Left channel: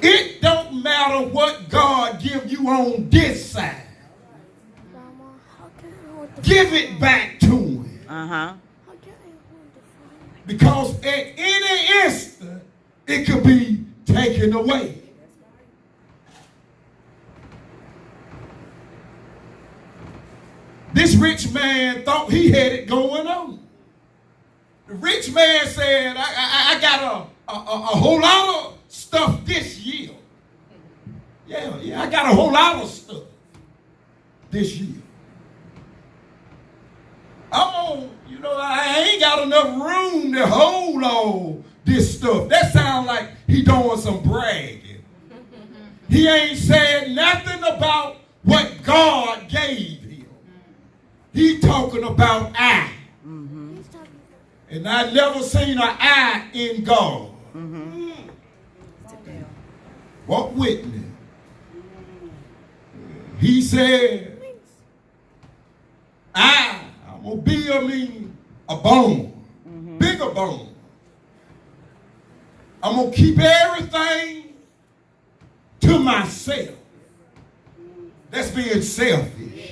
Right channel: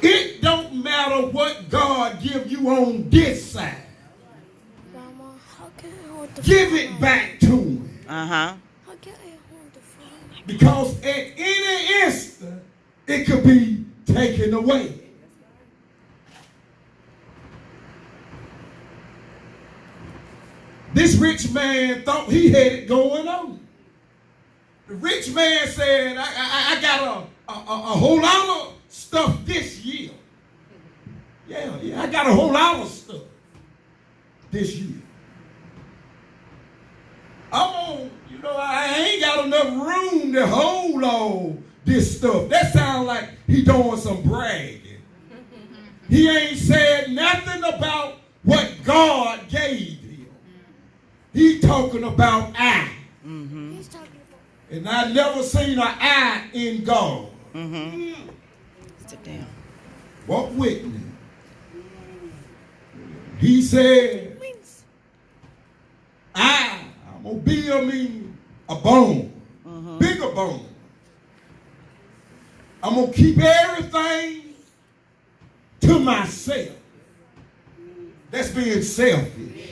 It don't matter what God give you on this side. Give it back to him. Uh-huh. Because at any instant, it could be taken away. This rich man thought he had it going on. The rich man said, I got a whole lot of stuff this year. Yeah, I got a whole lot of stuff this year. I ain't got enough room to hold all this stuff. That sounds like he doing some bragging. He ain't said nothing about what God gave him. He talking about I. Mm-hmm. And I never seen an I in God. Mm-hmm. Sit down. Walk with me. He said, I'm going to build a bone, bigger bone. I'm going to keep everything to myself. That's being selfish.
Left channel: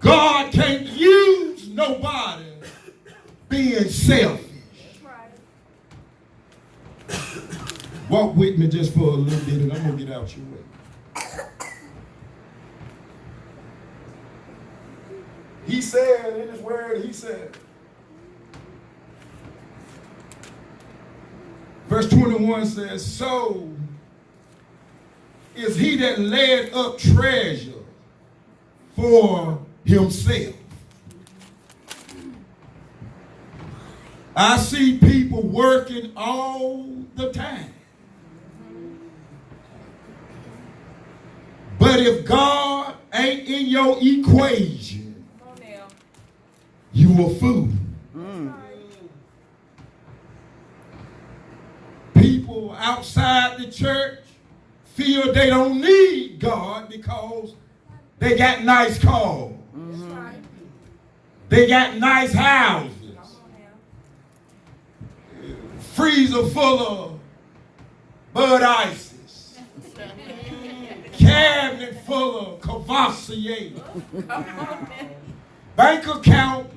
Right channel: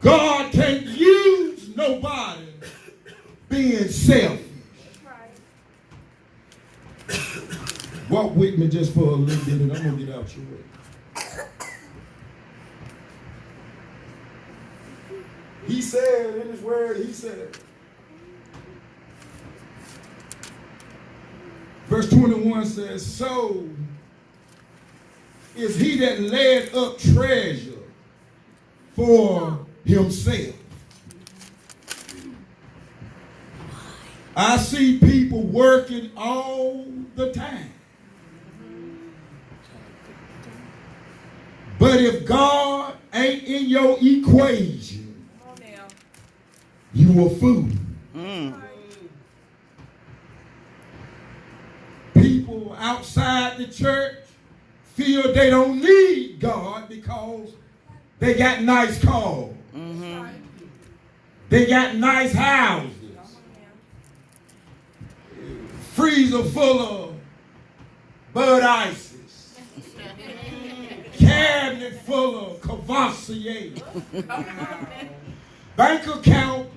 God can't use nobody being selfish. Walk with me just for a little bit and I'm going to get out your way. He said in his word, he said, verse 21 says, so is he that laid up treasure for himself. I see people working all the time. But if God ain't in your equation, you a fool. People outside the church feel they don't need God because they got nice cars. They got nice houses. Freezer full of Bud Ices. Cabinet full of Cavassier. Bank account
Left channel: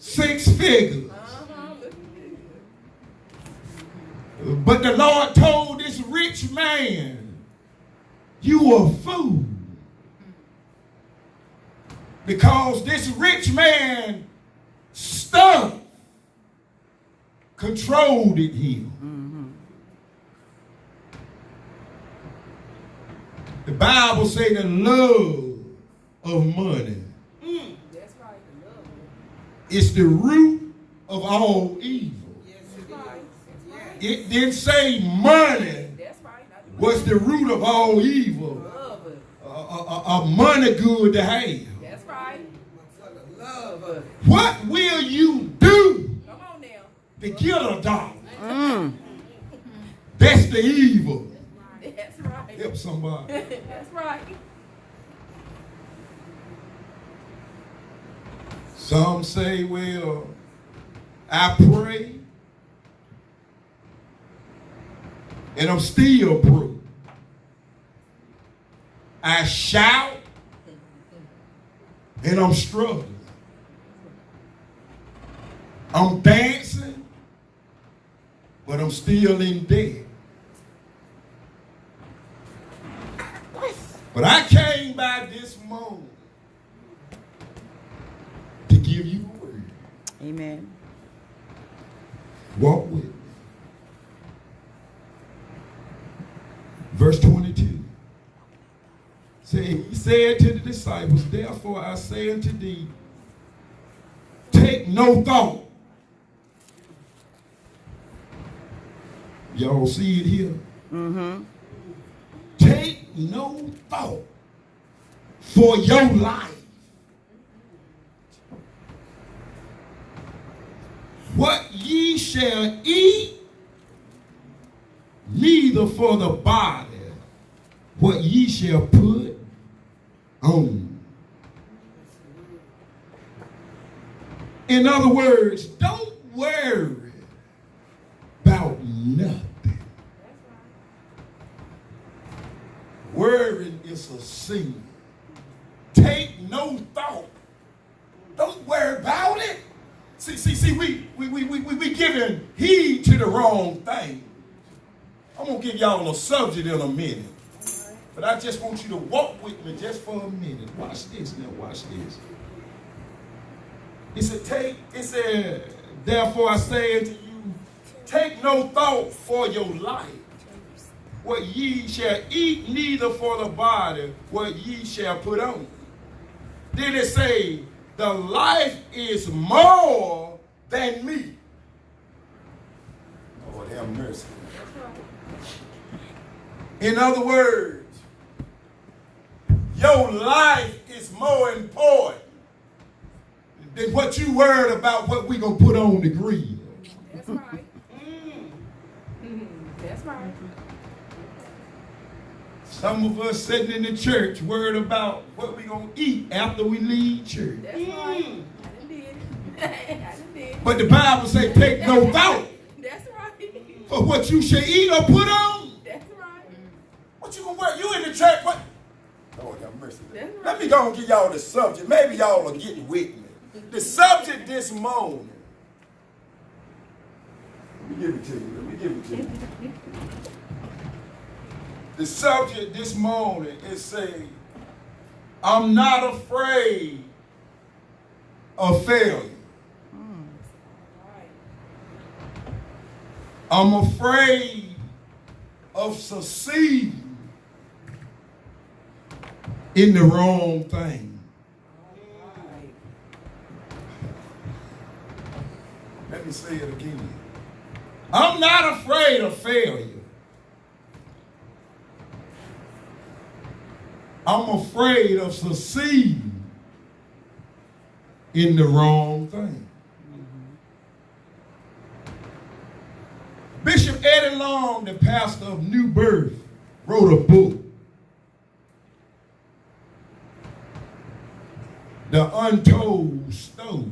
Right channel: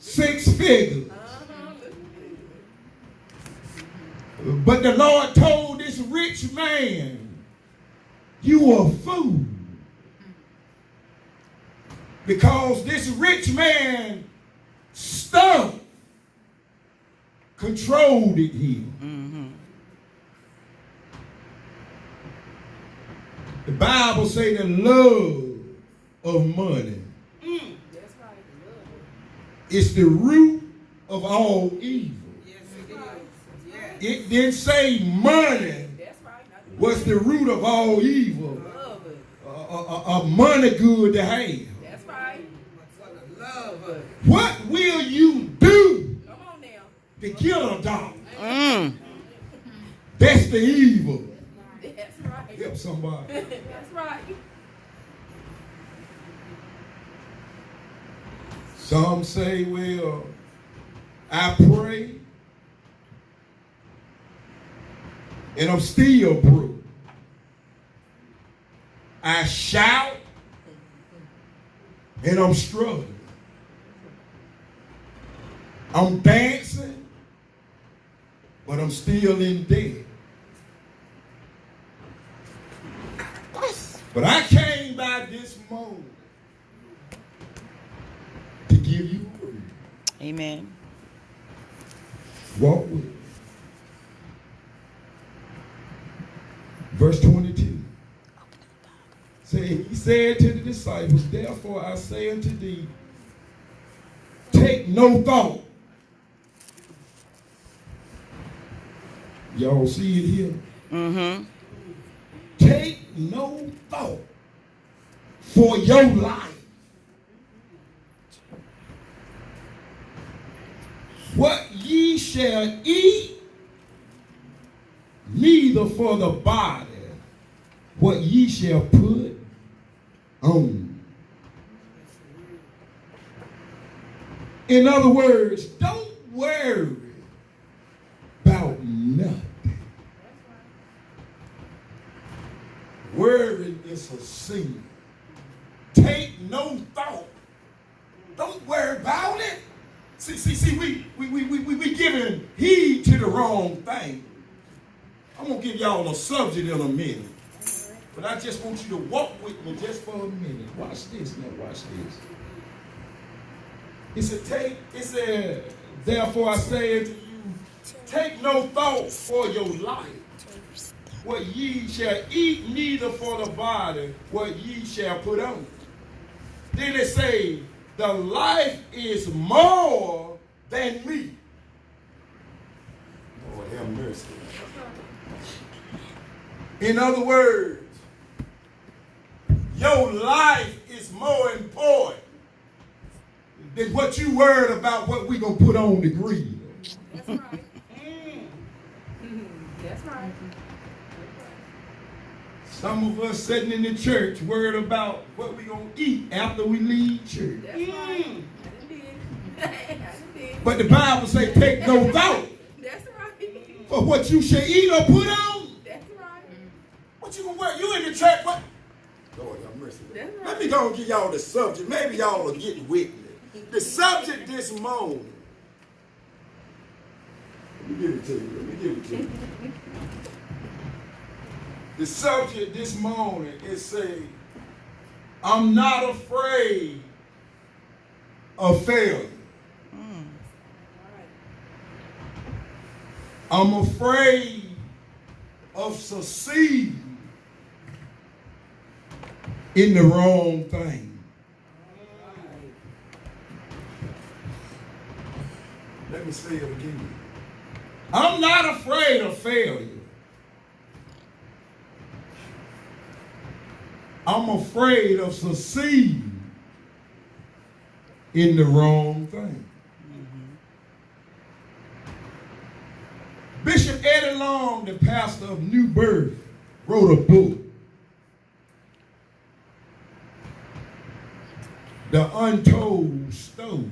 6 figures. But the Lord told this rich man, you a fool. Because this rich man stuff controlled him. The Bible say the love of money. That's right. It's the root of all evil. Yes, it is. It didn't say money was the root of all evil. A money good to have. That's right. What will you do Come on now. to get a dollar? That's the evil. That's right. Help somebody. That's right. Some say, well, I pray and I'm still broke. I shout and I'm struggling. I'm dancing, but I'm still in debt. But I came by this moment to give you a word. Amen. Walk with me. Verse 22. He said to the disciples, therefore I say unto thee, take no thought. Y'all see it here? Mm-hmm. Take no thought for your life. What ye shall eat, neither for the body what ye shall put on. In other words, don't worry about nothing. is a sin. Take no thought. Don't worry about it. See, we giving heed to the wrong thing. I'm going to give y'all a subject in a minute. But I just want you to walk with me just for a minute. Watch this now, watch this. It said, therefore I say unto you, take no thought for your life, what ye shall eat, neither for the body, what ye shall put on. Then it say, the life is more than meat. Lord have mercy. In other words, your life is more important than what you worried about what we going to put on the grill. That's right. That's right. Some of us sitting in the church worried about what we going to eat after we leave church. That's right. I done did it. I done did it. But the Bible say take no thought That's right. for what you shall eat or put on. That's right. What you going to worry? You in the church, what? Lord have mercy. That's right. Let me go and give y'all the subject. Maybe y'all will get with me. The subject this morning. Let me give it to you. The subject this morning is saying, I'm not afraid of failure. I'm afraid of succeeding in the wrong thing. Let me say it again. I'm not afraid of failure. I'm afraid of succeeding in the wrong thing. Bishop Eddie Long, the pastor of New Birth, wrote a book, The Untold Story.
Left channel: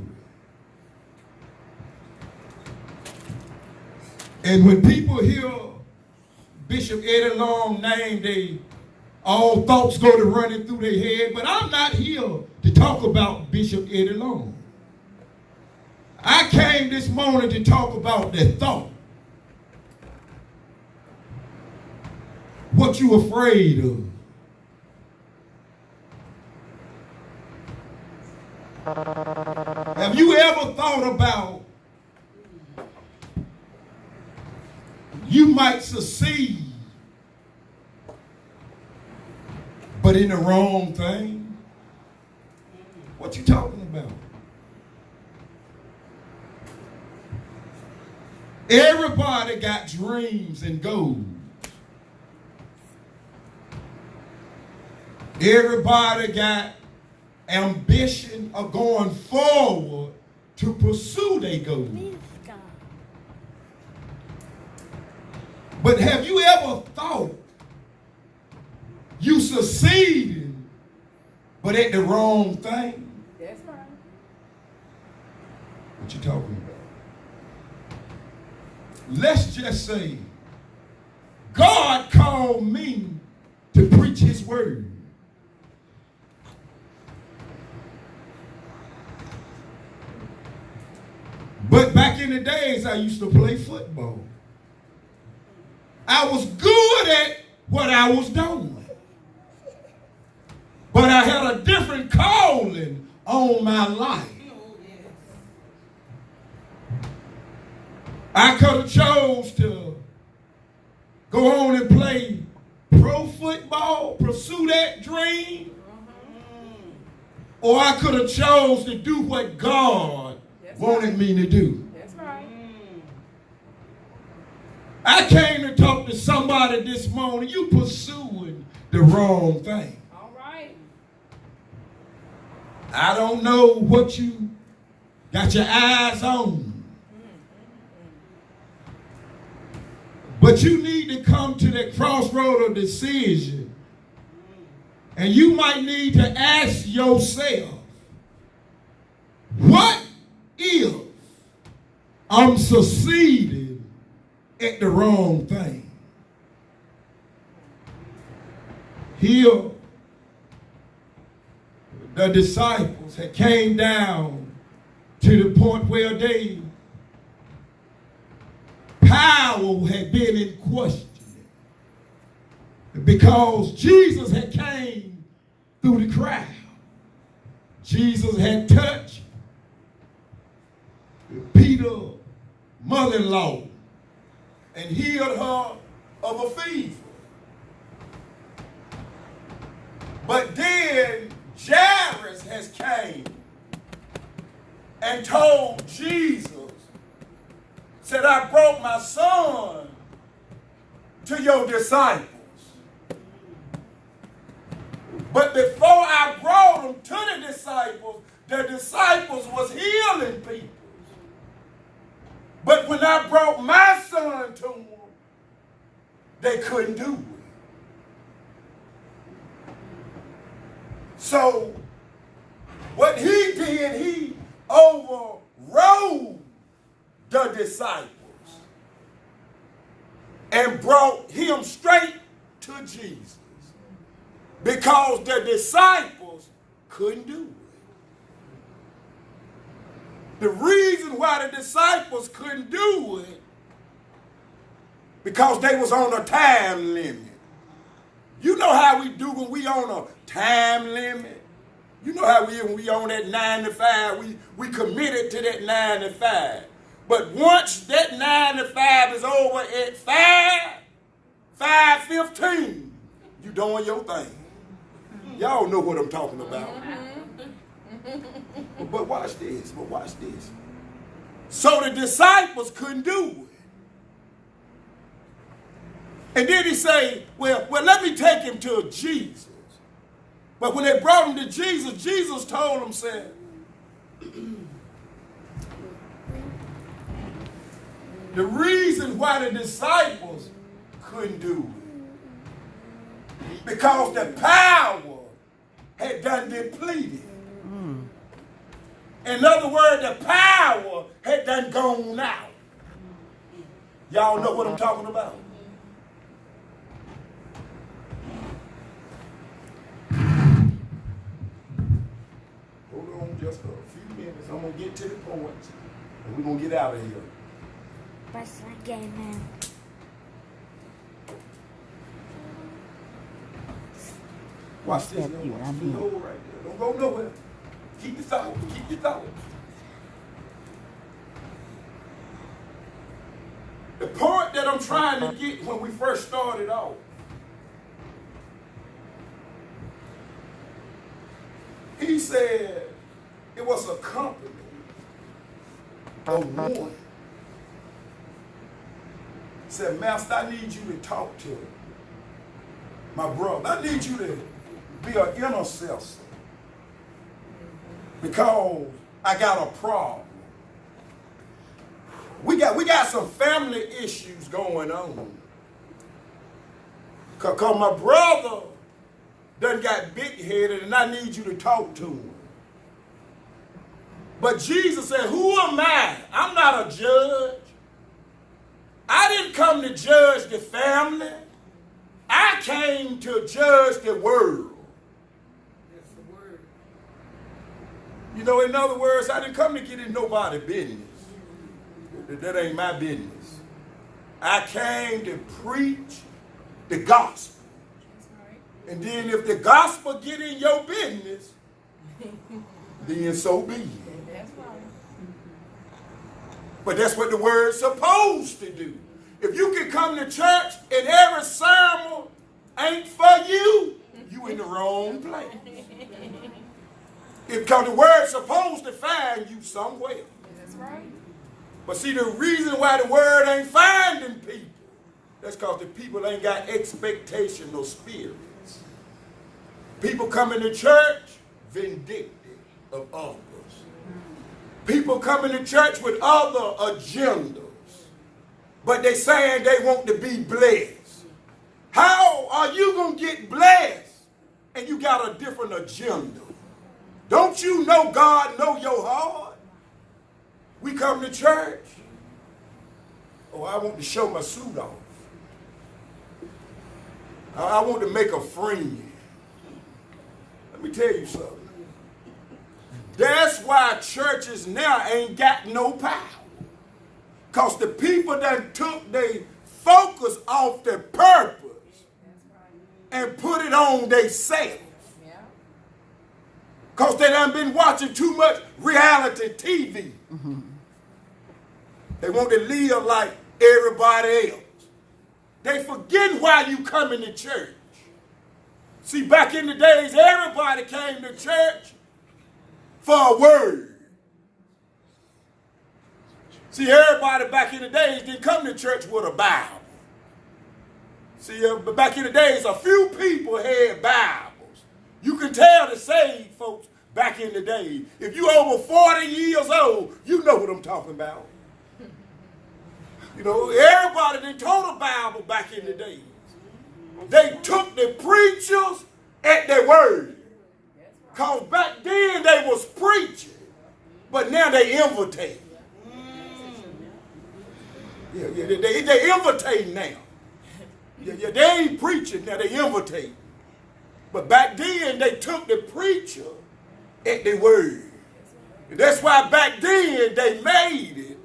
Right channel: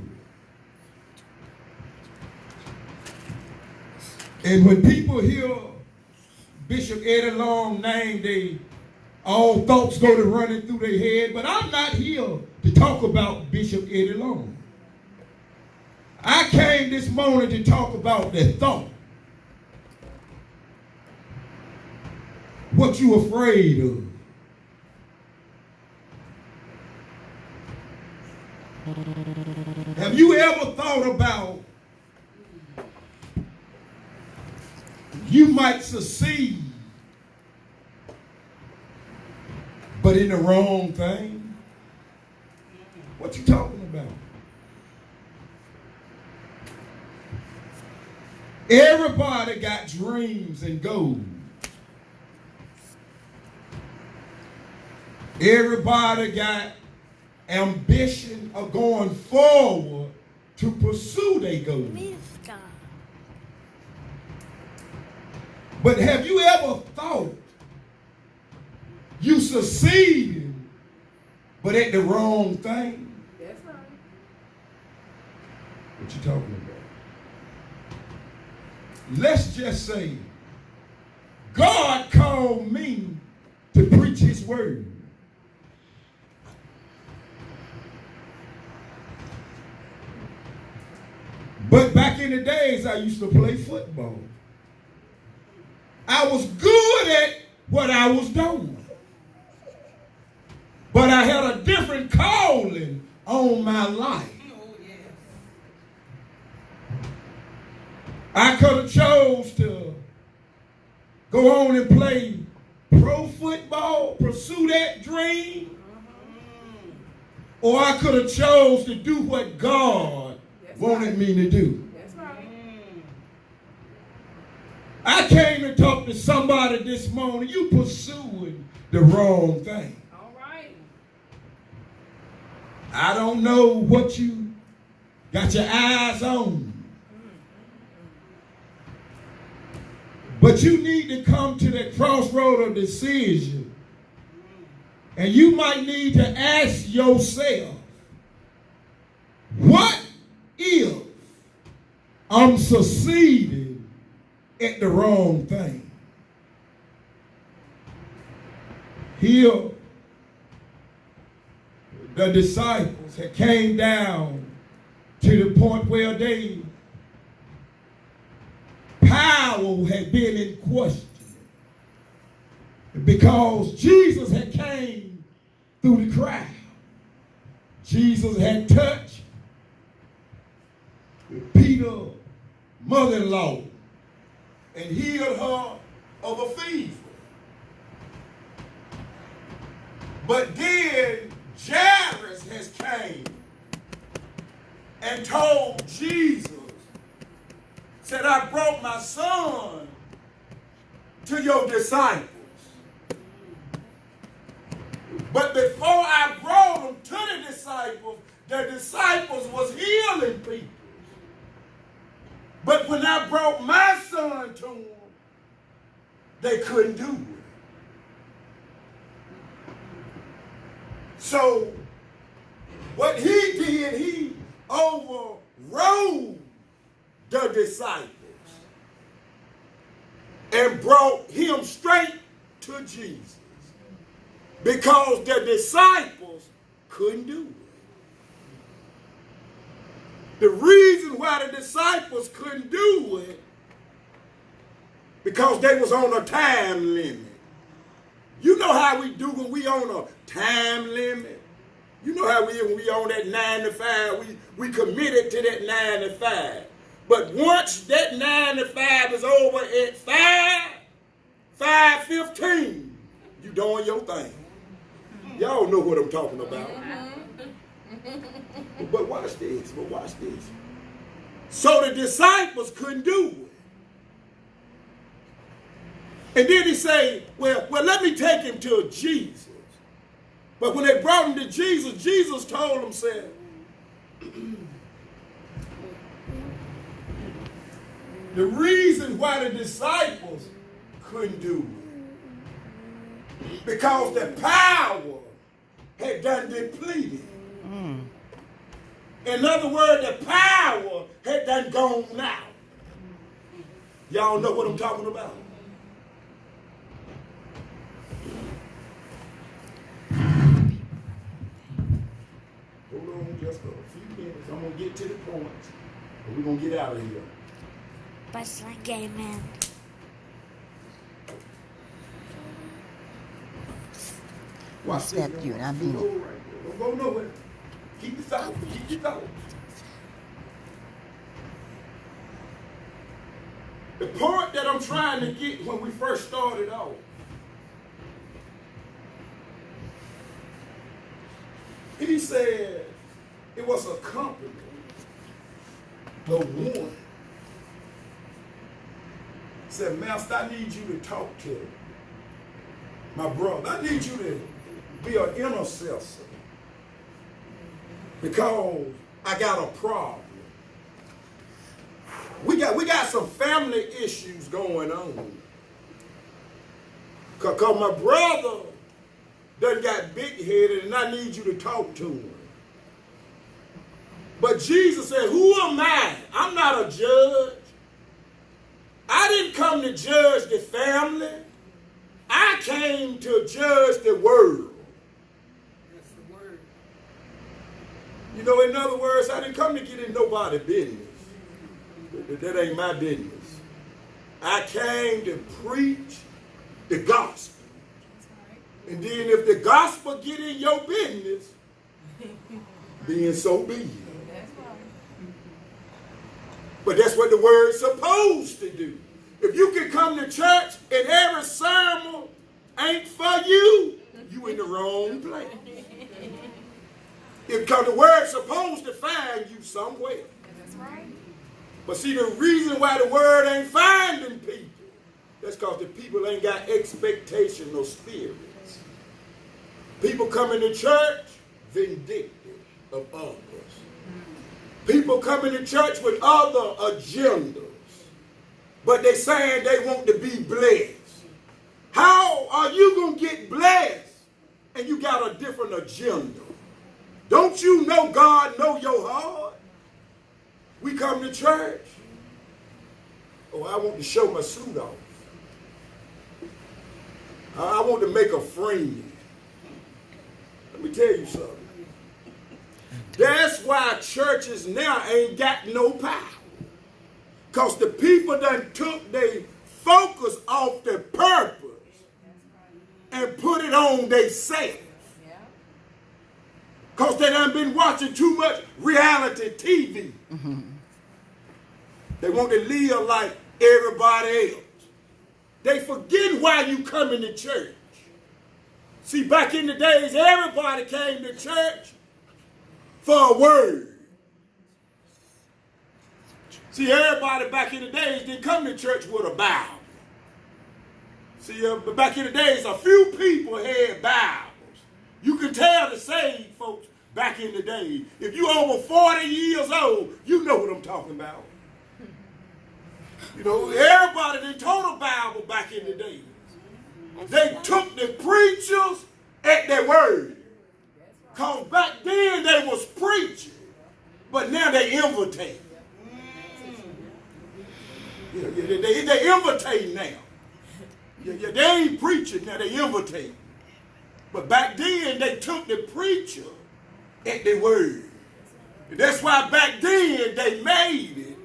And when people hear Bishop Eddie Long name, all thoughts go to running through their head. But I'm not here to talk about Bishop Eddie Long. I came this morning to talk about that thought. What you afraid of. Have you ever thought about you might succeed, but in the wrong thing? What you talking about? Everybody got dreams and goals. Everybody got ambition of going forward to pursue their goals. But have you ever thought you succeeded, but at the wrong thing? That's right. What you talking about? Let's just say God called me to preach his word. But back in the days, I used to play football. I was good at what I was doing. But I had a different calling on my life. I could have chose to go on and play pro football, pursue that dream. Or I could have chose to do what God wanted me to do. That's right. I came to talk to somebody this morning. You pursuing the wrong thing. All right. I don't know what you got your eyes on. But you need to come to that crossroad of decision. And you might need to ask yourself, what if I'm succeeding at the wrong thing? Here the disciples had came down to the point where they power had been in question because Jesus had came through the crowd. Jesus had touched Peter's mother-in-law and healed her of a fever. But then Jairus has came and told Jesus, said, I brought my son to your disciples. But before I brought him to the disciples was healing people. But when I brought my son to them, they couldn't do it. So what he did, he overrode the disciples and brought him straight to Jesus because the disciples couldn't do it. The reason why the disciples couldn't do it because they was on a time limit. You know how we do when we on a time limit. You know how when we on that 9 to 5, we committed to that 9 to 5. But once that 9 to 5 is over at 5:15, you doing your thing. Y'all know what I'm talking about. But watch this. So the disciples couldn't do it. And then he say, well, let me take him to Jesus. But when they brought him to Jesus, Jesus told them, said, the reason why the disciples couldn't do it, because the power had done depleted. In other words, the power had done gone out. Y'all know what I'm talking about? Hold on just for a few minutes. I'm going to get to the point. And we're going to get out of here. Basta na game, man. Watch this. Step you, I mean. Don't go nowhere. Keep your thoughts. Keep your thoughts. The point that I'm trying to get when we first started off, he said it was a company of one. He said, Master, I need you to talk to my brother. I need you to be an intercessor because I got a problem. We got some family issues going on. Because my brother done got big-headed and I need you to talk to him. But Jesus said, who am I? I'm not a judge. I didn't come to judge the family. I came to judge the world. That's the word. You know, in other words, I didn't come to get in nobody's business. That ain't my business. I came to preach the gospel. And then if the gospel get in your business, then so be it. That's right. But that's what the word's supposed to do. If you can come to church and every sermon ain't for you, you in the wrong place. Because the word's supposed to find you somewhere. That's right. But see, the reason why the word ain't finding people, that's because the people ain't got expectation or spirits. People coming to church vindictive of others. People coming to church with other agendas, but they saying they want to be blessed. How are you going to get blessed and you got a different agenda? Don't you know God know your heart? We come to church. Oh, I want to show my suit off. I want to make a friend. Let me tell you something. That's why churches now ain't got no power. Because the people done took their focus off their purpose and put it on themselves. Because they done been watching too much reality TV. Mm-hmm. They want to live like everybody else. They forget why you come into church. See, back in the days, everybody came to church for a word. See, everybody back in the days didn't come to church with a Bible. See, back in the days, a few people had Bibles. You can tell the saved folks back in the day. If you over 40 years old, you know what I'm talking about. You know, everybody didn't told a Bible back in the day. They took the preachers at their word. Because back then they was preaching, but now they imitate. Yeah, they imitate now. Yeah, they ain't preaching now, they imitate. But back then they took the preacher at their word. That's why back then they made it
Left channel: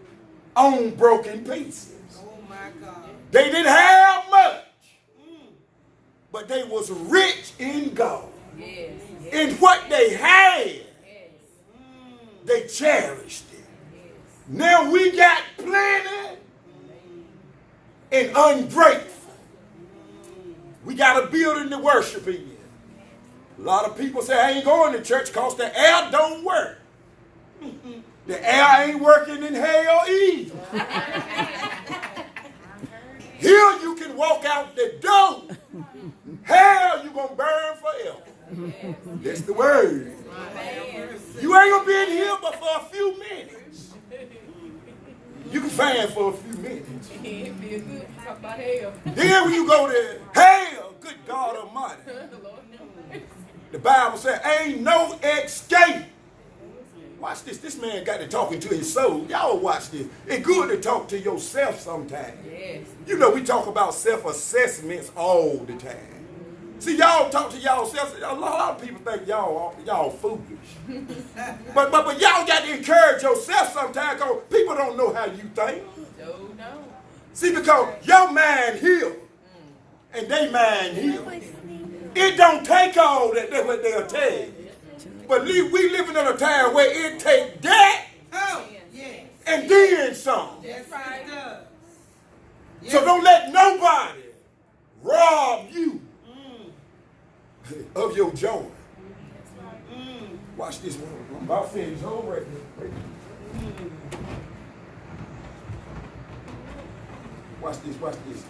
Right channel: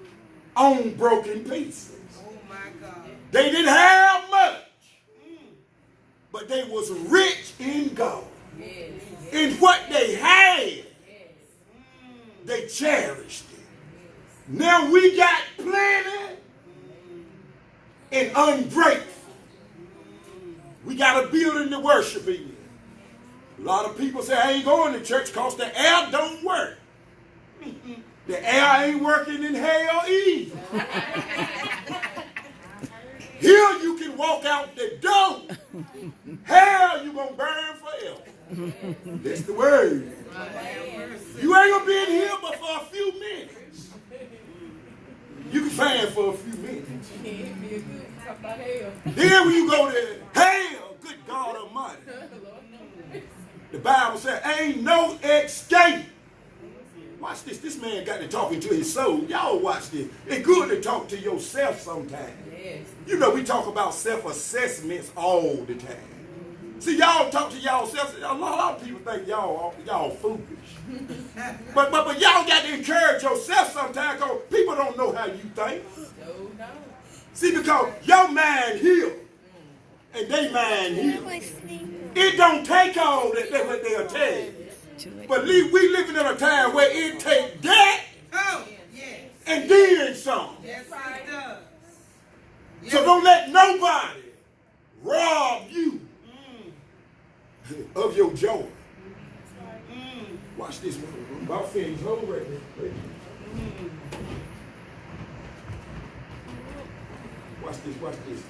on broken pieces. Oh my God. They didn't have much, but they was rich in God. Yes. In what they had, Yes. they cherished it. Now we got plenty and ungrateful. We got a building to worship in. A lot of people say, I ain't going to church because the air don't work. The air ain't working in hell either. Here you can walk out the door. Hell, you going to burn forever. That's the word. You ain't going to be in here but for a few minutes. You can fan for a few minutes. Then when you go to hell, good God Almighty. The Bible says, ain't no escape. Watch this. This man got to talking to his soul. Y'all watch this. It's good to talk to yourself sometimes. Yes. You know, we talk about self-assessments all the time. See, y'all talk to y'allself. A lot of people think y'all foolish. but y'all got to encourage yourself sometimes because people don't know how you think. No. See, because your mind heals and they mind heals. It don't take all that. That's what they'll tell you. But we living in a time where it take that and then some. That's right. So don't let nobody rob you of your joy. Watch this one. About finished. Hold right there. Watch this.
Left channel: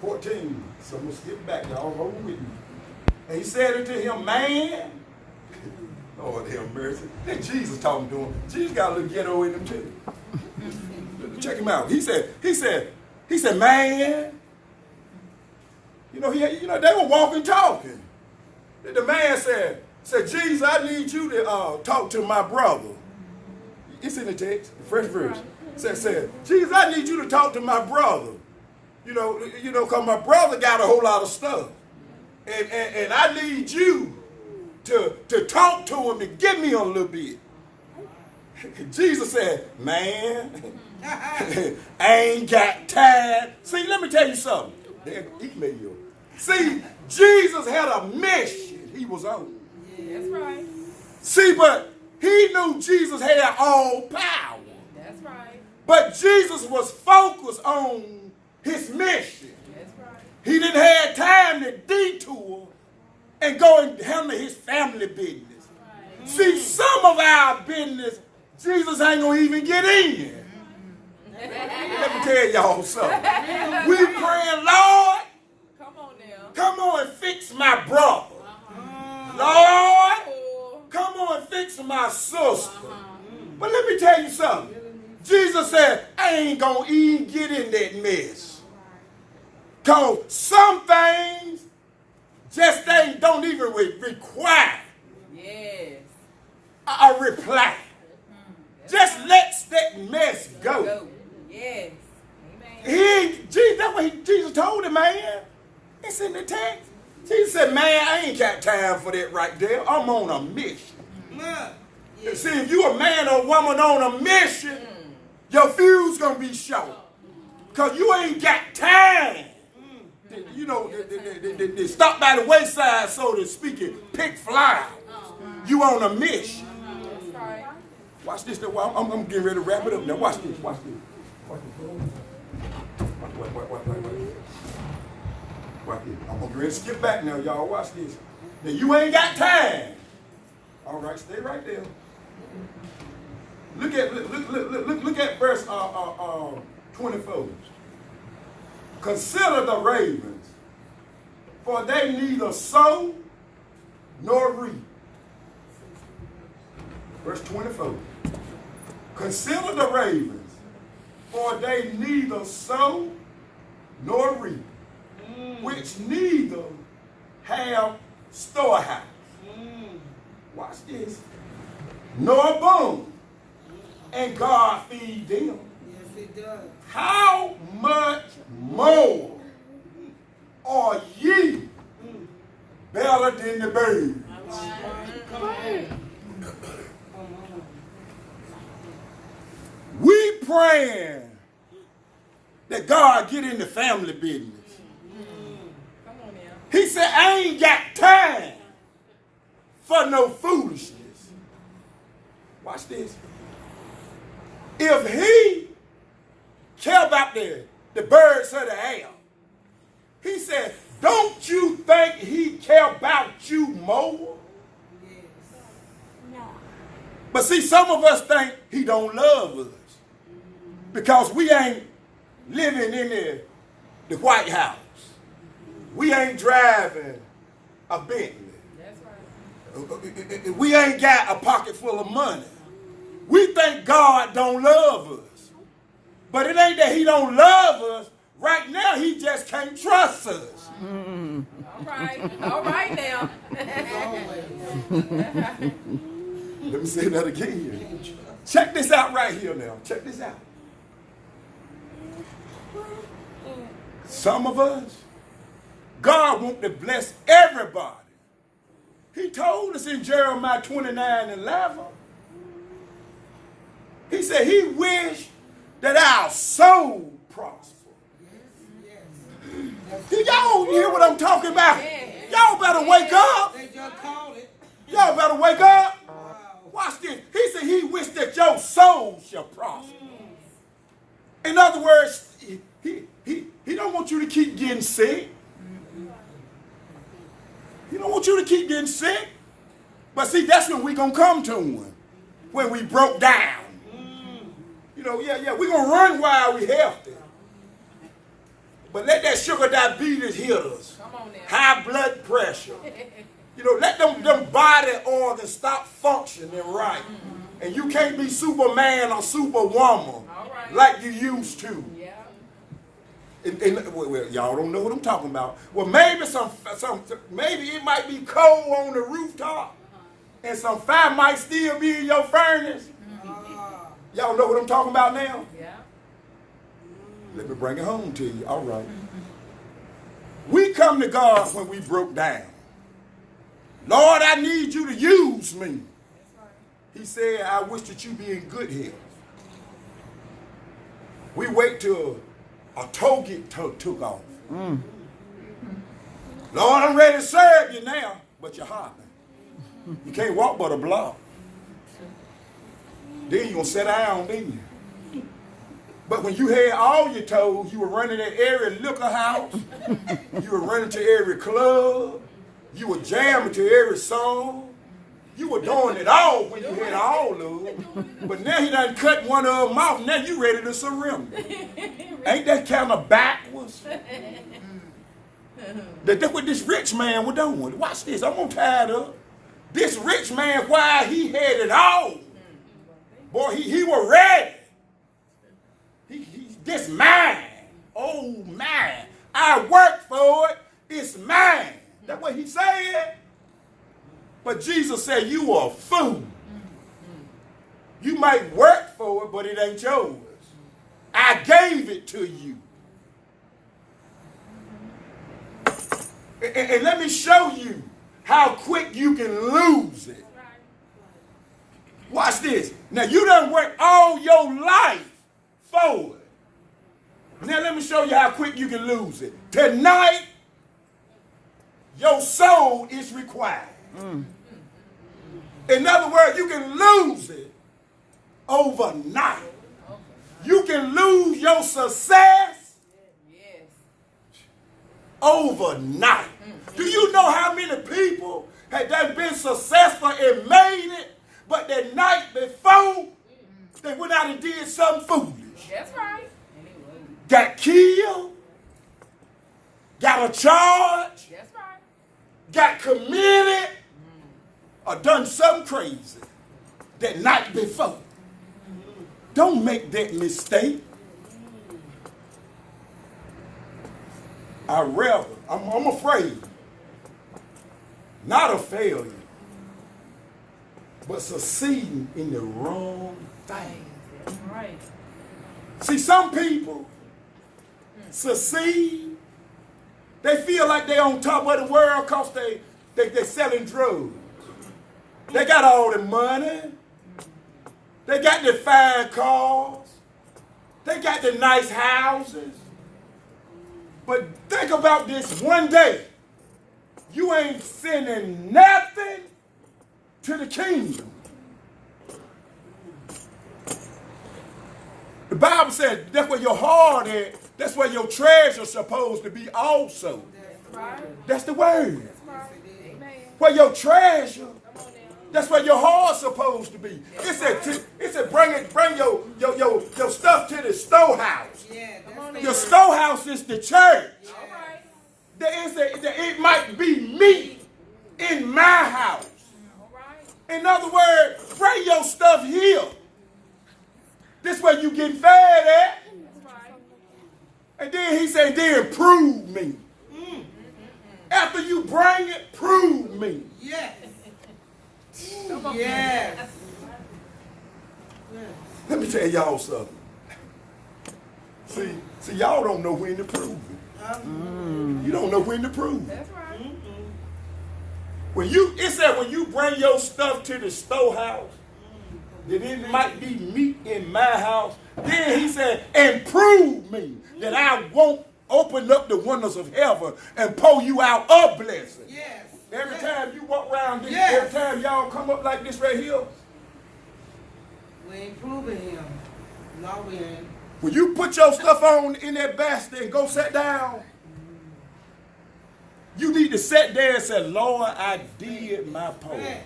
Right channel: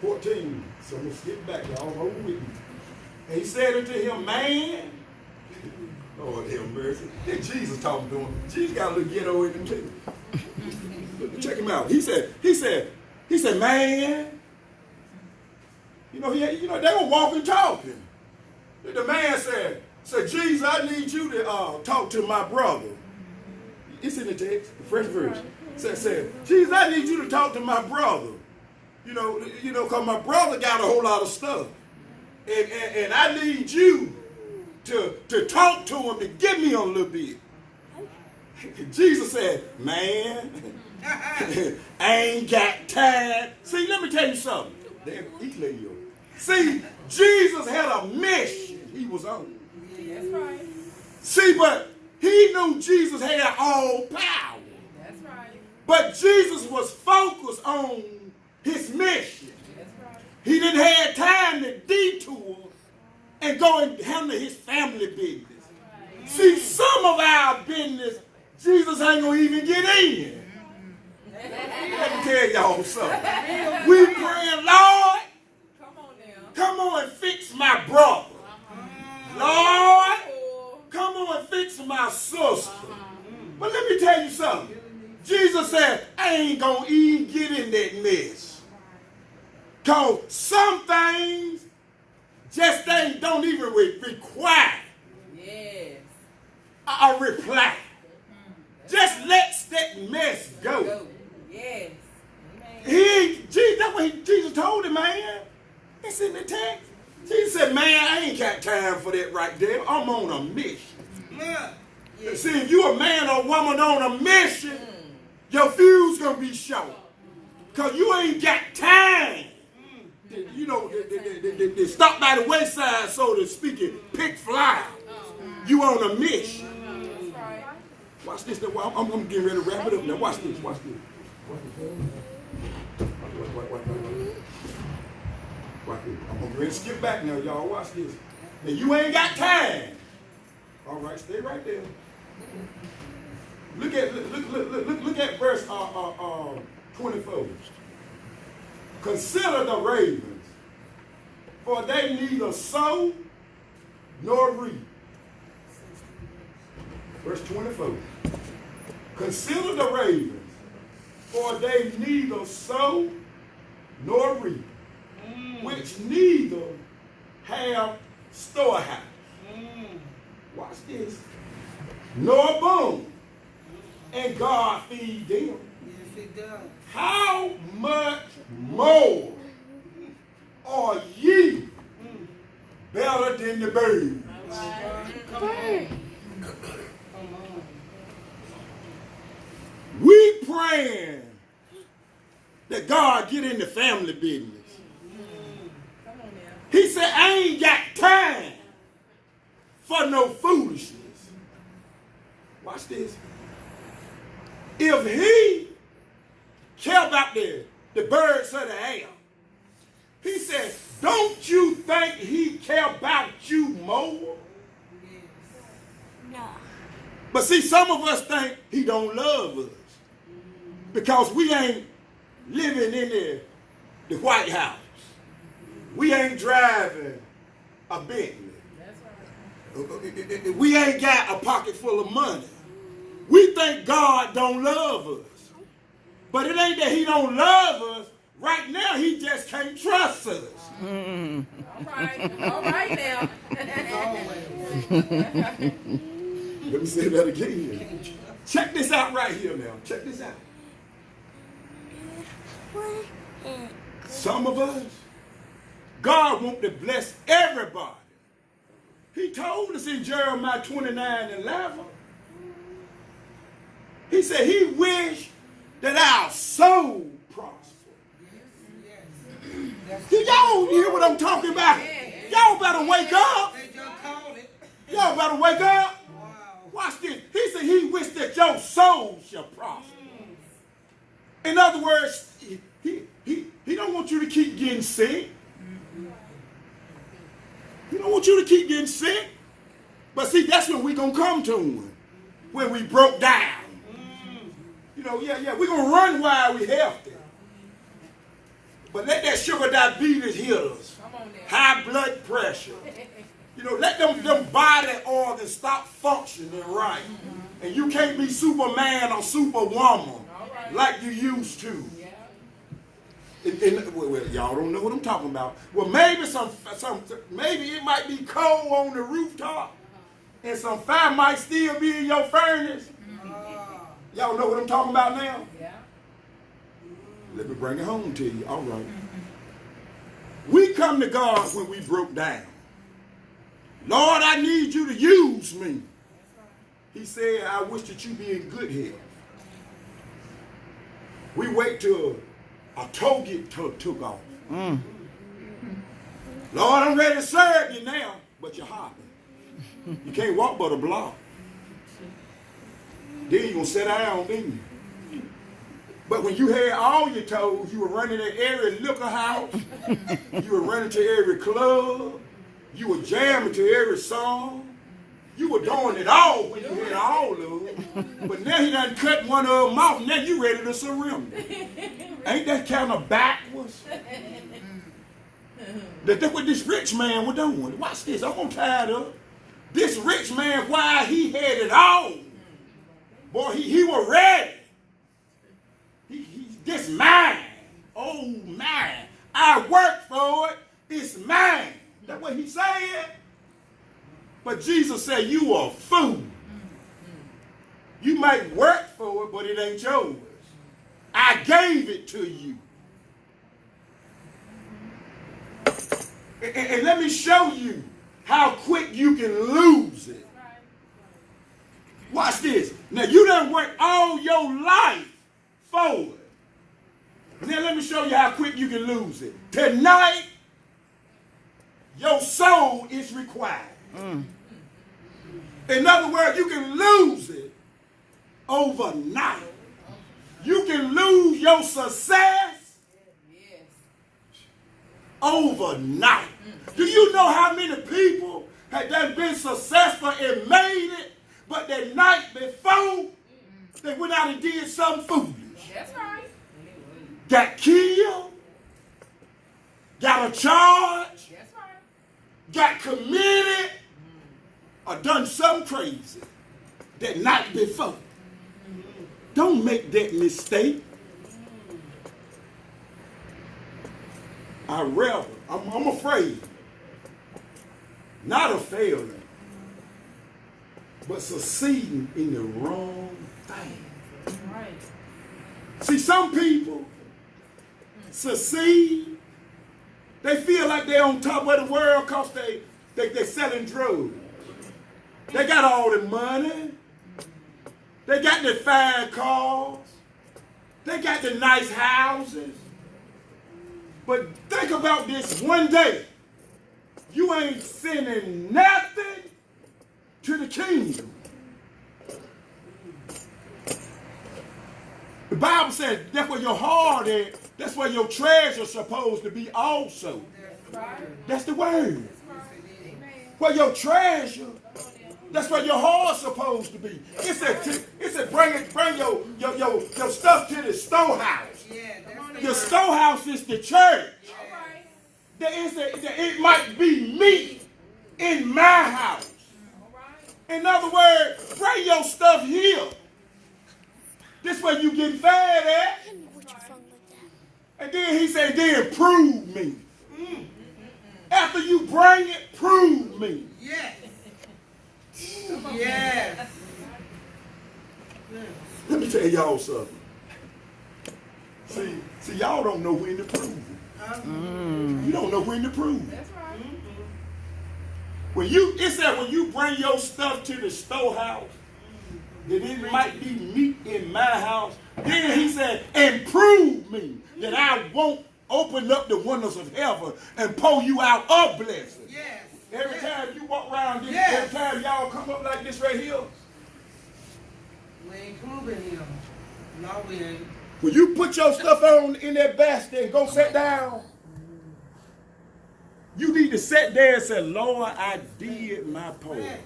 14. So I'm going to skip back. Y'all hold with me. And he said unto him, man, Lord have mercy. Then Jesus talking to him. Jesus got a little ghetto in him too. Check him out. He said, man. You know, they were walking, talking. The man said, Jesus, I need you to talk to my brother. It's in the text, the French version. Said, Jesus, I need you to talk to my brother. You know, because my brother got a whole lot of stuff. And I need you to talk to him and give me a little bit. Jesus said, man, I ain't got time. See, let me tell you something. See, Jesus had a mission he was on. Yeah, that's right. See, but he knew Jesus had all power. That's right. But Jesus was focused on his mission. That's right. He didn't have time to detour and go and handle his family business. Right. See, some of our business, Jesus ain't going to even get in. Let me tell y'all something. We praying, Lord, come on and fix my brother. Lord, come on and fix my sister. But let me tell you something. Jesus said, I ain't going to even get in that mess. Because some things just don't even require a reply. Just let that mess go. Yes. That's what Jesus told him, man. It's in the text. Jesus said, man, I ain't got time for that right there. I'm on a mission. Yeah. See, if you a man or woman on a mission, your fuse gonna be short. Because you ain't got time. You know, they stop by the wayside, so to speak, and pick fly. You on a mission. Watch this. I'm getting ready to wrap it up now. Watch this. Watch this. Watch this. Watch this. I'm going to skip back now, y'all. Watch this. Now, you ain't got time. All right, stay right there. Look at verse 24. Consider the ravens, for they neither sow nor reap. Verse 24. Consider the ravens, for they neither sow nor reap, which neither have storehouse. Watch this. Nor bone, and God feed them. Yes, it does. How much more are ye better than the birds? Come on. We praying that God get in the family business. Come on now. He said, I ain't got time for no foolishness. Watch this. If he care about the birds of the air, he said, don't you think he care about you more? No. But see, some of us think he don't love us because we ain't living in the White House. We ain't driving a Bentley. That's right. We ain't got a pocket full of money. We think God don't love us. But it ain't that he don't love us. Right now, he just can't trust us. All right now. Let me say that again. Check this out right here now. Check this out. Some of us, God wants to bless everybody. He told us in Jeremiah 29:11. He said he wished that our soul prosper. Y'all hear what I'm talking about? Y'all better wake up. They just called it. Y'all better wake up. Wow. Watch this. He said he wished that your soul shall prosper. In other words, he don't want you to keep getting sick. He don't want you to keep getting sick. But see, that's when we gonna come to him. When we broke down. You know, we're gonna run while we healthy. But let that sugar diabetes hit us. Come on now. High blood pressure. You know, let them body organs stop functioning right. And you can't be Superman or Superwoman like you used to. Yeah. Well, y'all don't know what I'm talking about. Well, maybe maybe it might be cold on the rooftop, and some fire might still be in your furnace. Y'all know what I'm talking about now? Yeah. Let me bring it home to you. All right. We come to God when we broke down. Lord, I need you to use me. He said, I wish that you be in good health. We wait till a toe get took off. Lord, I'm ready to serve you now, but you're hopping. You can't walk but a block. Then you're going to sit down, didn't you? But when you had all your toes, you were running to every liquor house. You were running to every club. You were jamming to every song. You were doing it all when you had all of them. But now he done cut one of them off. Now you ready to surrender. Ain't that kind of backwards? That's what this rich man was doing. Watch this. I'm going to tie it up. This rich man, while he had it all, boy, he was ready. This mine. Oh, mine. I worked for it. It's mine. That's what he said. But Jesus said, you are a fool. You might work for it, but it ain't yours. I gave it to you. And let me show you how quick you can lose it. Watch this. Now, you done worked all your life for it. Now, let me show you how quick you can lose it. Tonight, your soul is required. In other words, you can lose it overnight. You can lose your success overnight. Do you know how many people had done been successful and made it, but the night before, they went out and did something foolish? That's right. Got killed, got a charge, That's right. got committed, or done something crazy that night before. Don't make that mistake. I'm afraid, not of failing, but succeeding in the wrong thing. Right. See, some people succeed. They feel like they're on top of the world because they're selling drugs. They got all the money. They got the fine cars. They got the nice houses. But think about this one day. You ain't sending nothing to the kingdom. The Bible says that's where your heart is. That's where your treasure's supposed to be also. That's right. That's the word. That's right. Amen. Where your treasure, that's where your heart's supposed to be. It said bring your stuff to the storehouse. Yeah, that's Your storehouse is the church. All right. It might be me in my house. All right. In other words, bring your stuff here. This way you get fed at. And then he said, then prove me. After you bring it, prove me. Yes. Yes. Let me tell y'all something. See, y'all don't know when to prove it. You don't know when to prove it. That's right. It said when you bring your stuff to the storehouse, that it might be meat in my house. Then he said, and prove me that I won't open up the windows of heaven and pour you out a blessing. Yes. Every time you walk around this, Yes. every time y'all come up like this right here, We ain't proving him. No, we ain't. when you put your stuff on in that basket and go sit down, you need to sit there and say, Lord, I did my part. Yes.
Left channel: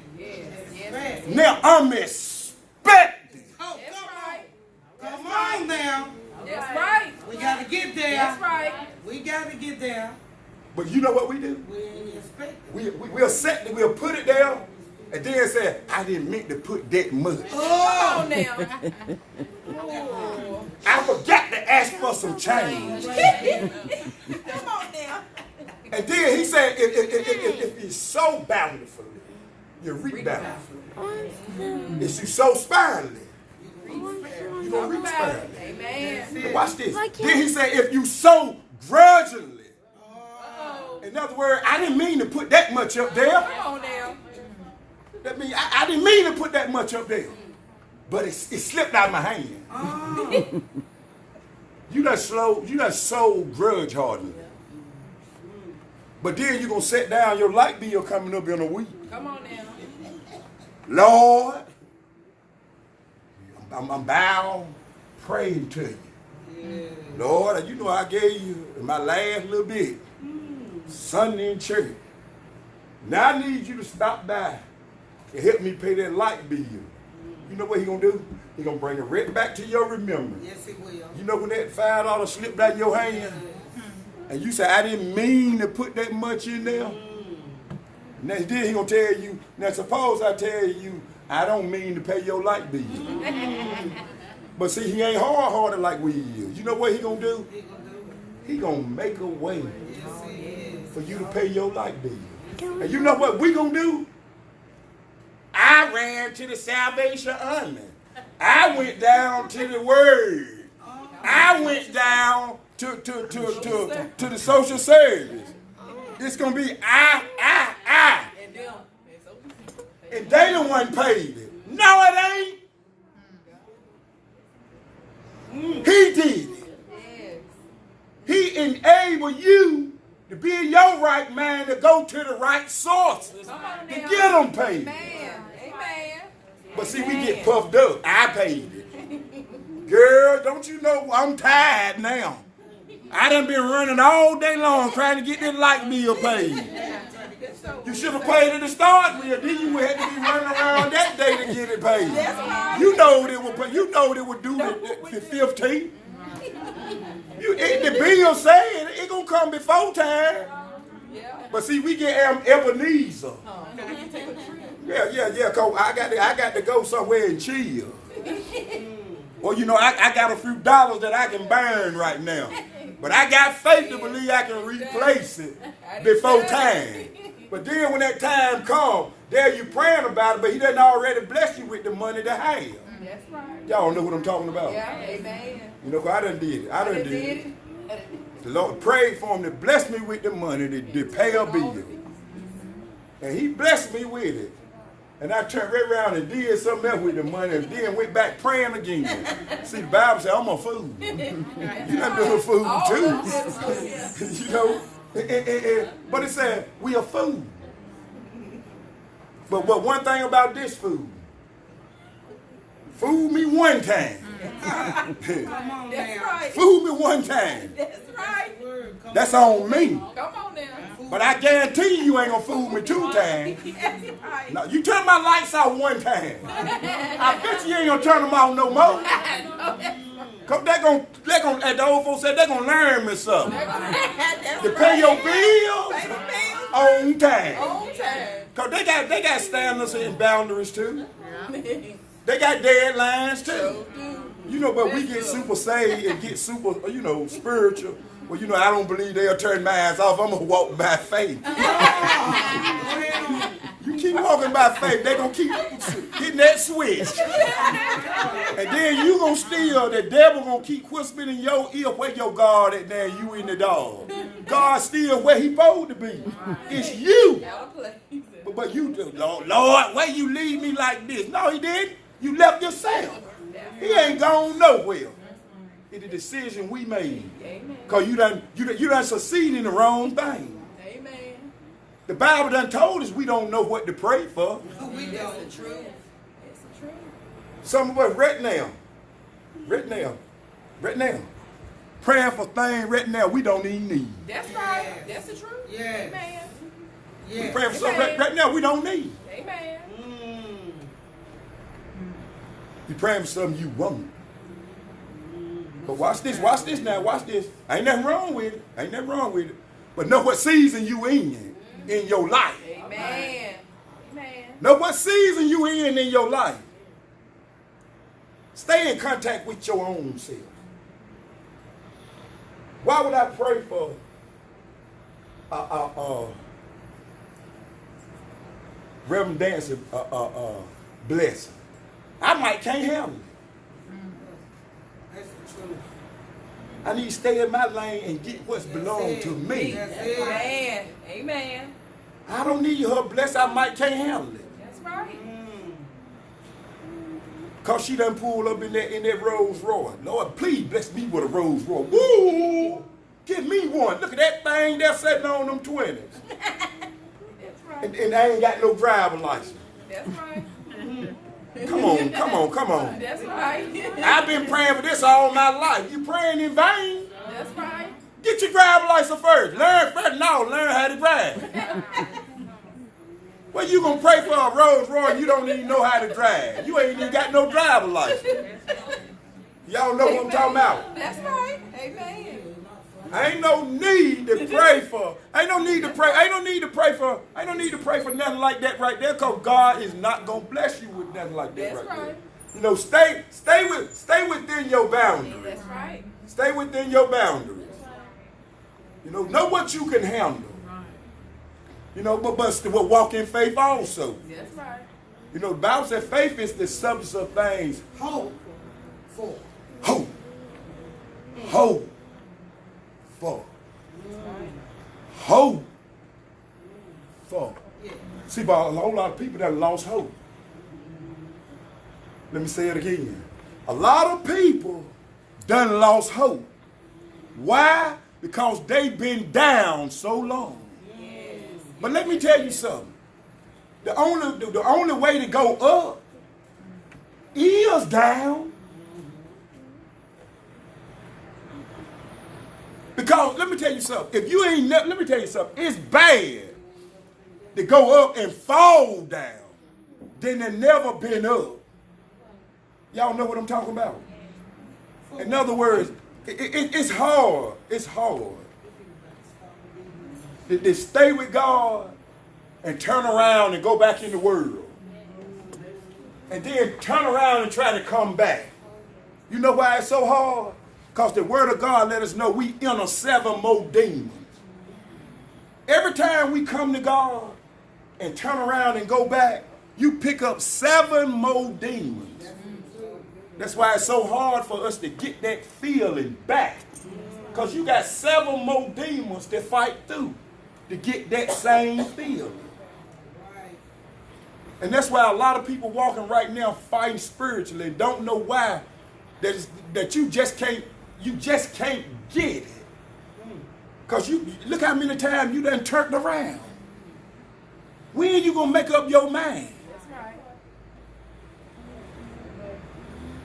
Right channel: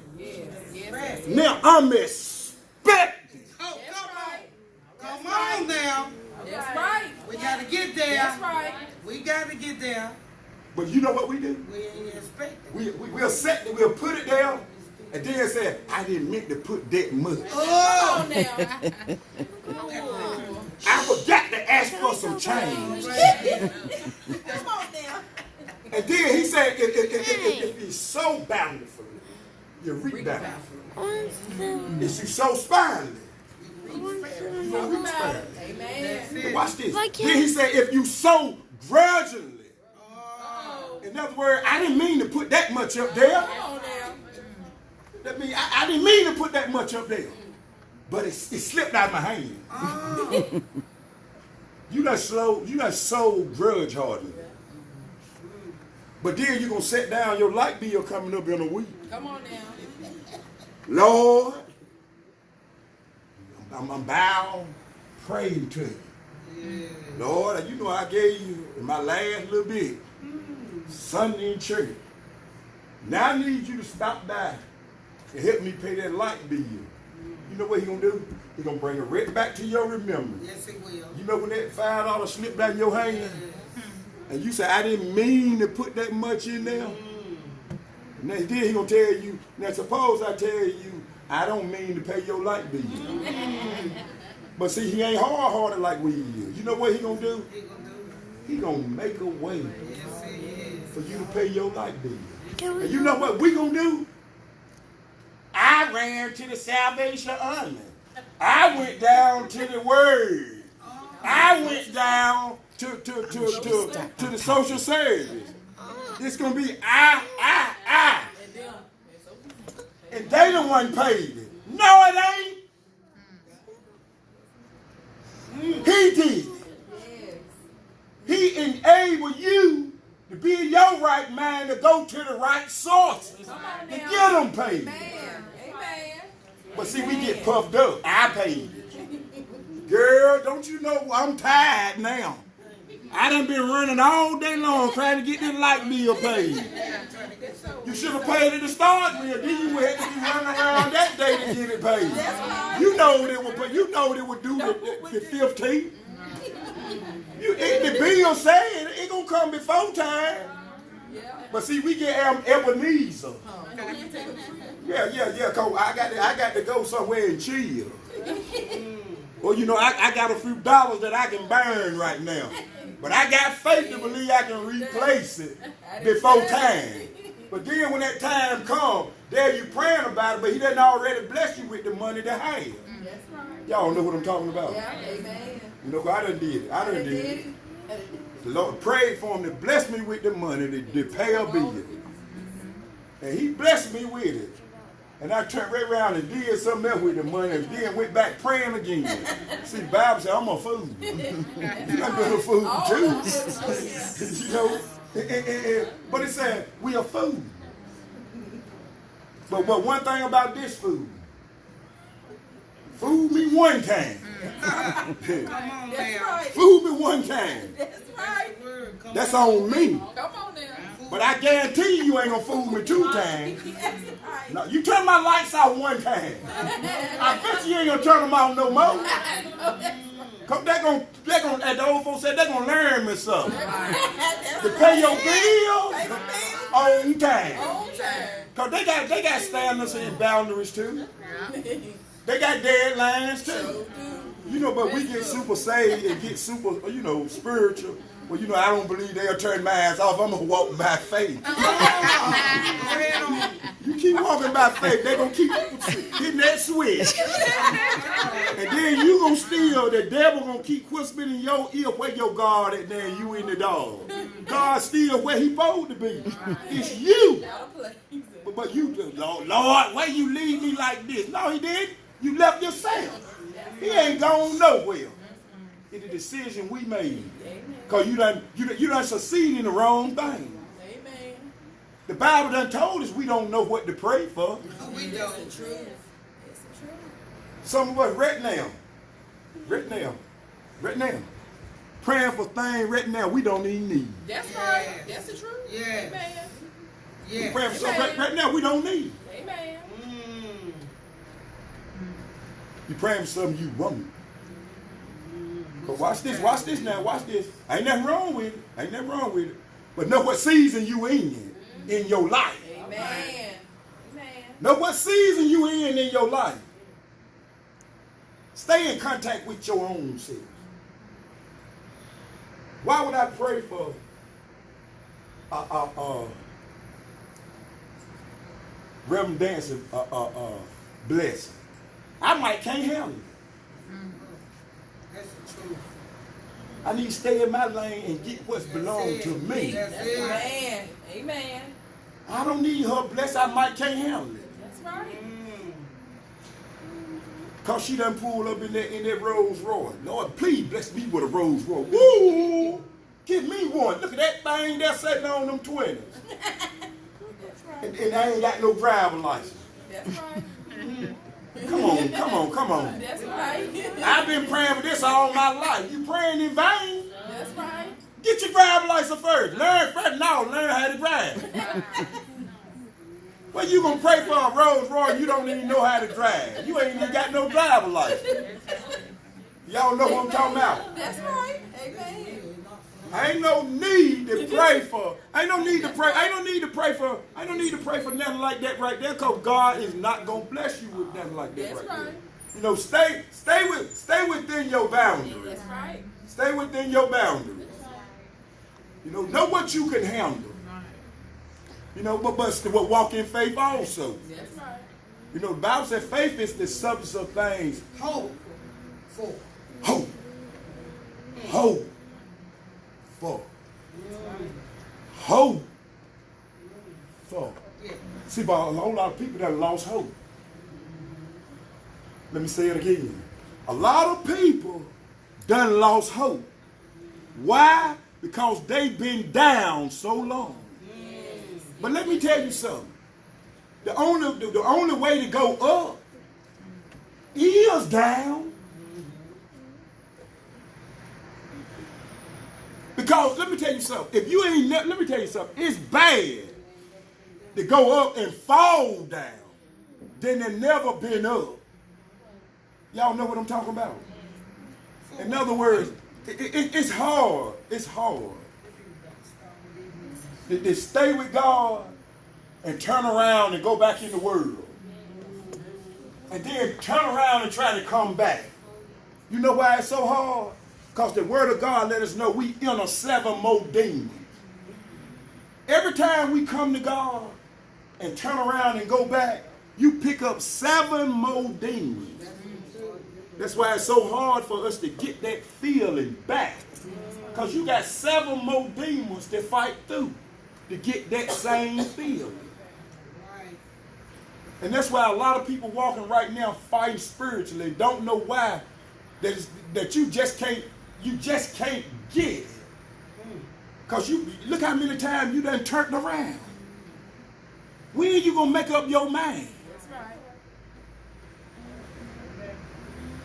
Yes. Now I'm expecting. Oh, That's come right. on. Come on now. That's right. We got to get there. That's right. We got to get there. But you know what we do? We ain't expecting. We'll set it, we'll put it there, and then say, I didn't mean to put that much. Come on now. I forgot to ask for some change. Come on now. And then he said, if you sow bountifully, you reap bountifully. If you sow sparingly, you will Talk reap about sparingly. it. Amen. Watch this. Then he said, if you sow grudgingly, in other words, I didn't mean to put that much up there. Come on now. That means I didn't mean to put that much up there. But it slipped out of my hand. Oh. You done sold grudge hardening. But then you're going to sit down, your light bill coming up in a week. Come on now. Lord, I'm bound praying to you. Lord, you know I gave you my last little bit Sunday in church. Now I need you to stop by and help me pay that light bill. You know what he going to do? He going to bring it right back to your remembrance. Yes, it will. You know when that $5 slipped out of your hand? And you say, I didn't mean to put that much in there. And then he going to tell you, now suppose I tell you, I don't mean to pay your light bill. But see, he ain't hard-hearted like we is. You know what he going to do? He going to make a way for you to pay your light bill. And you know what we going to do? I ran to the Salvation Army. I went down to the Word. I went down to the social service. It's going to be I. And them. It's okay. And they the one paid it. No, it ain't. He did it. Yes. He enabled you to be in your right mind to go to the right source Come on to now. get them paid. Amen. Amen. But see, we get puffed up. I paid it. Girl, don't you know I'm tired now? I done been running all day long trying to get this light bill paid. You should have paid it to start with. Then you would have to be running around that day to get it paid. You know it would. You know it would do the 15th. The bill saying it gonna come before time. Yeah. But see, we get Ebenezer. Can you take a trip? Yeah. Cause I got to go somewhere and chill. Well, you know, I got a few dollars that I can burn right now. But I got faith to believe I can replace it before time. But then when that time comes, there you praying about it, but he doesn't already bless you with the money to have. That's right. Y'all know what I'm talking about. Yeah, amen. You know, 'cause I done did it. I done did it. The Lord prayed for him to bless me with the money to pay a bill. And he blessed me with it. And I turned right around and did something else with the money and then went back praying again. See, the Bible said, I'm a fool. I'm doing a fool too. You know? But it said, we are food. But one thing about this food, fool me one time. Come on That's now. right. Fool me one time. That's right. That's on me. Come on now. But I guarantee you ain't gonna fool me 2 times. That's right. No, you turn my lights out 1 time. I bet you ain't gonna turn them off no more. Cause they gonna, as the old folks said, they gonna learn me something. To pay your bills Pay the bills on time. on time. Cause they got standards and boundaries too. They got deadlines too. You know, but we get super saved and get super, you know, spiritual. Well, you know, I don't believe they'll turn my ass off. I'm gonna walk by faith. You keep walking by faith, they gonna keep hitting that switch. And then you gonna still, the devil gonna keep whispering in your ear where your God at there, you in the dog. God still where he supposed to be. It's you. Out of place. But you just, Lord, why you leave me like this? No, he didn't. You left yourself. He ain't gone nowhere. It's a decision we made. Because you done succeed in the wrong thing. Amen. The Bible done told us we don't know what to pray for. We That's don't. the truth. It's the truth. Some of us right now, praying for things right now we don't even need. That's right. That's the truth. Yes. Amen. We Yeah. praying for something right now we don't need. Amen. You praying for something you want. But watch this now, watch this. Ain't nothing wrong with it. But know what season you in your life. Amen. Amen. Know what season you in your life. Stay in contact with your own self. Why would I pray for Reverend Dancer blessing? I might can't handle it. That's the truth. I need to stay in my lane and get what's belong to me. That's it. Amen. Amen. I don't need her blessing. I might can't handle it. That's right. Cause she done pulled up in that Rolls Royce. Lord, please bless me with a Rolls Royce. Woo! Give me one. Look at that thing there sitting on them 20s. That's right. And I ain't got no driver license. That's right. Come on. That's right. I've been praying for this all my life. You praying in vain? That's right. Get your driver license first. Learn how to drive. Well, you gonna pray for a Rolls Royce, you don't even know how to drive. You ain't even got no driver license. Y'all know what I'm talking about. That's right. Amen. Ain't no need to pray for. Ain't no need to pray for nothing like that right there, because God is not gonna bless you with nothing like that. That's right right. there. You know, stay within your boundaries. That's right. Stay within your boundaries. You know what you can handle. You know, but walk in faith also. That's right. You know, the Bible says faith is the substance of things. Hope for. Hope for. Hope See, but a whole lot of people that lost hope. Let me say it again. A lot of people done lost hope. Why? Because they've been down so long. Yes. But let me tell you something. The only way to go up is down. Because let me tell you something. If you ain't, let me tell you something. It's bad to go up and fall down than to never been up. Y'all know what I'm talking about? In other words, it's hard. It's hard to stay with God and turn around and go back in the world. And then turn around and try to come back. You know why it's so hard? Because the word of God let us know we enter 7 more demons. Every time we come to God and turn around and go back, you pick up 7 more demons. That's why it's so hard for us to get that feeling back. Because you got 7 more demons to fight through to get that same feeling. And that's why a lot of people walking right now fighting spiritually don't know why that you just can't get it. Because you look how many times you done turned around. When are you gonna make up your mind? That's right.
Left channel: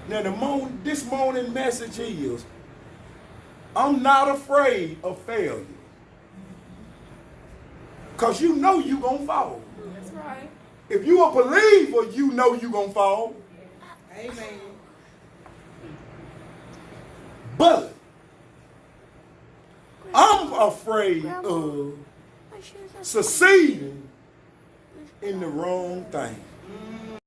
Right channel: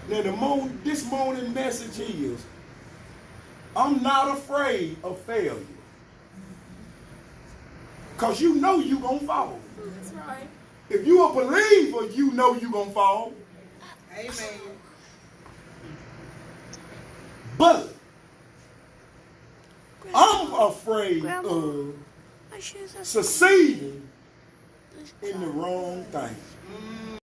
Now this morning message is, I'm not afraid of failure. Because you know you're gonna fall. That's right. If you a believer, you know you're gonna fall. Amen. But I'm afraid of succeeding in the wrong thing.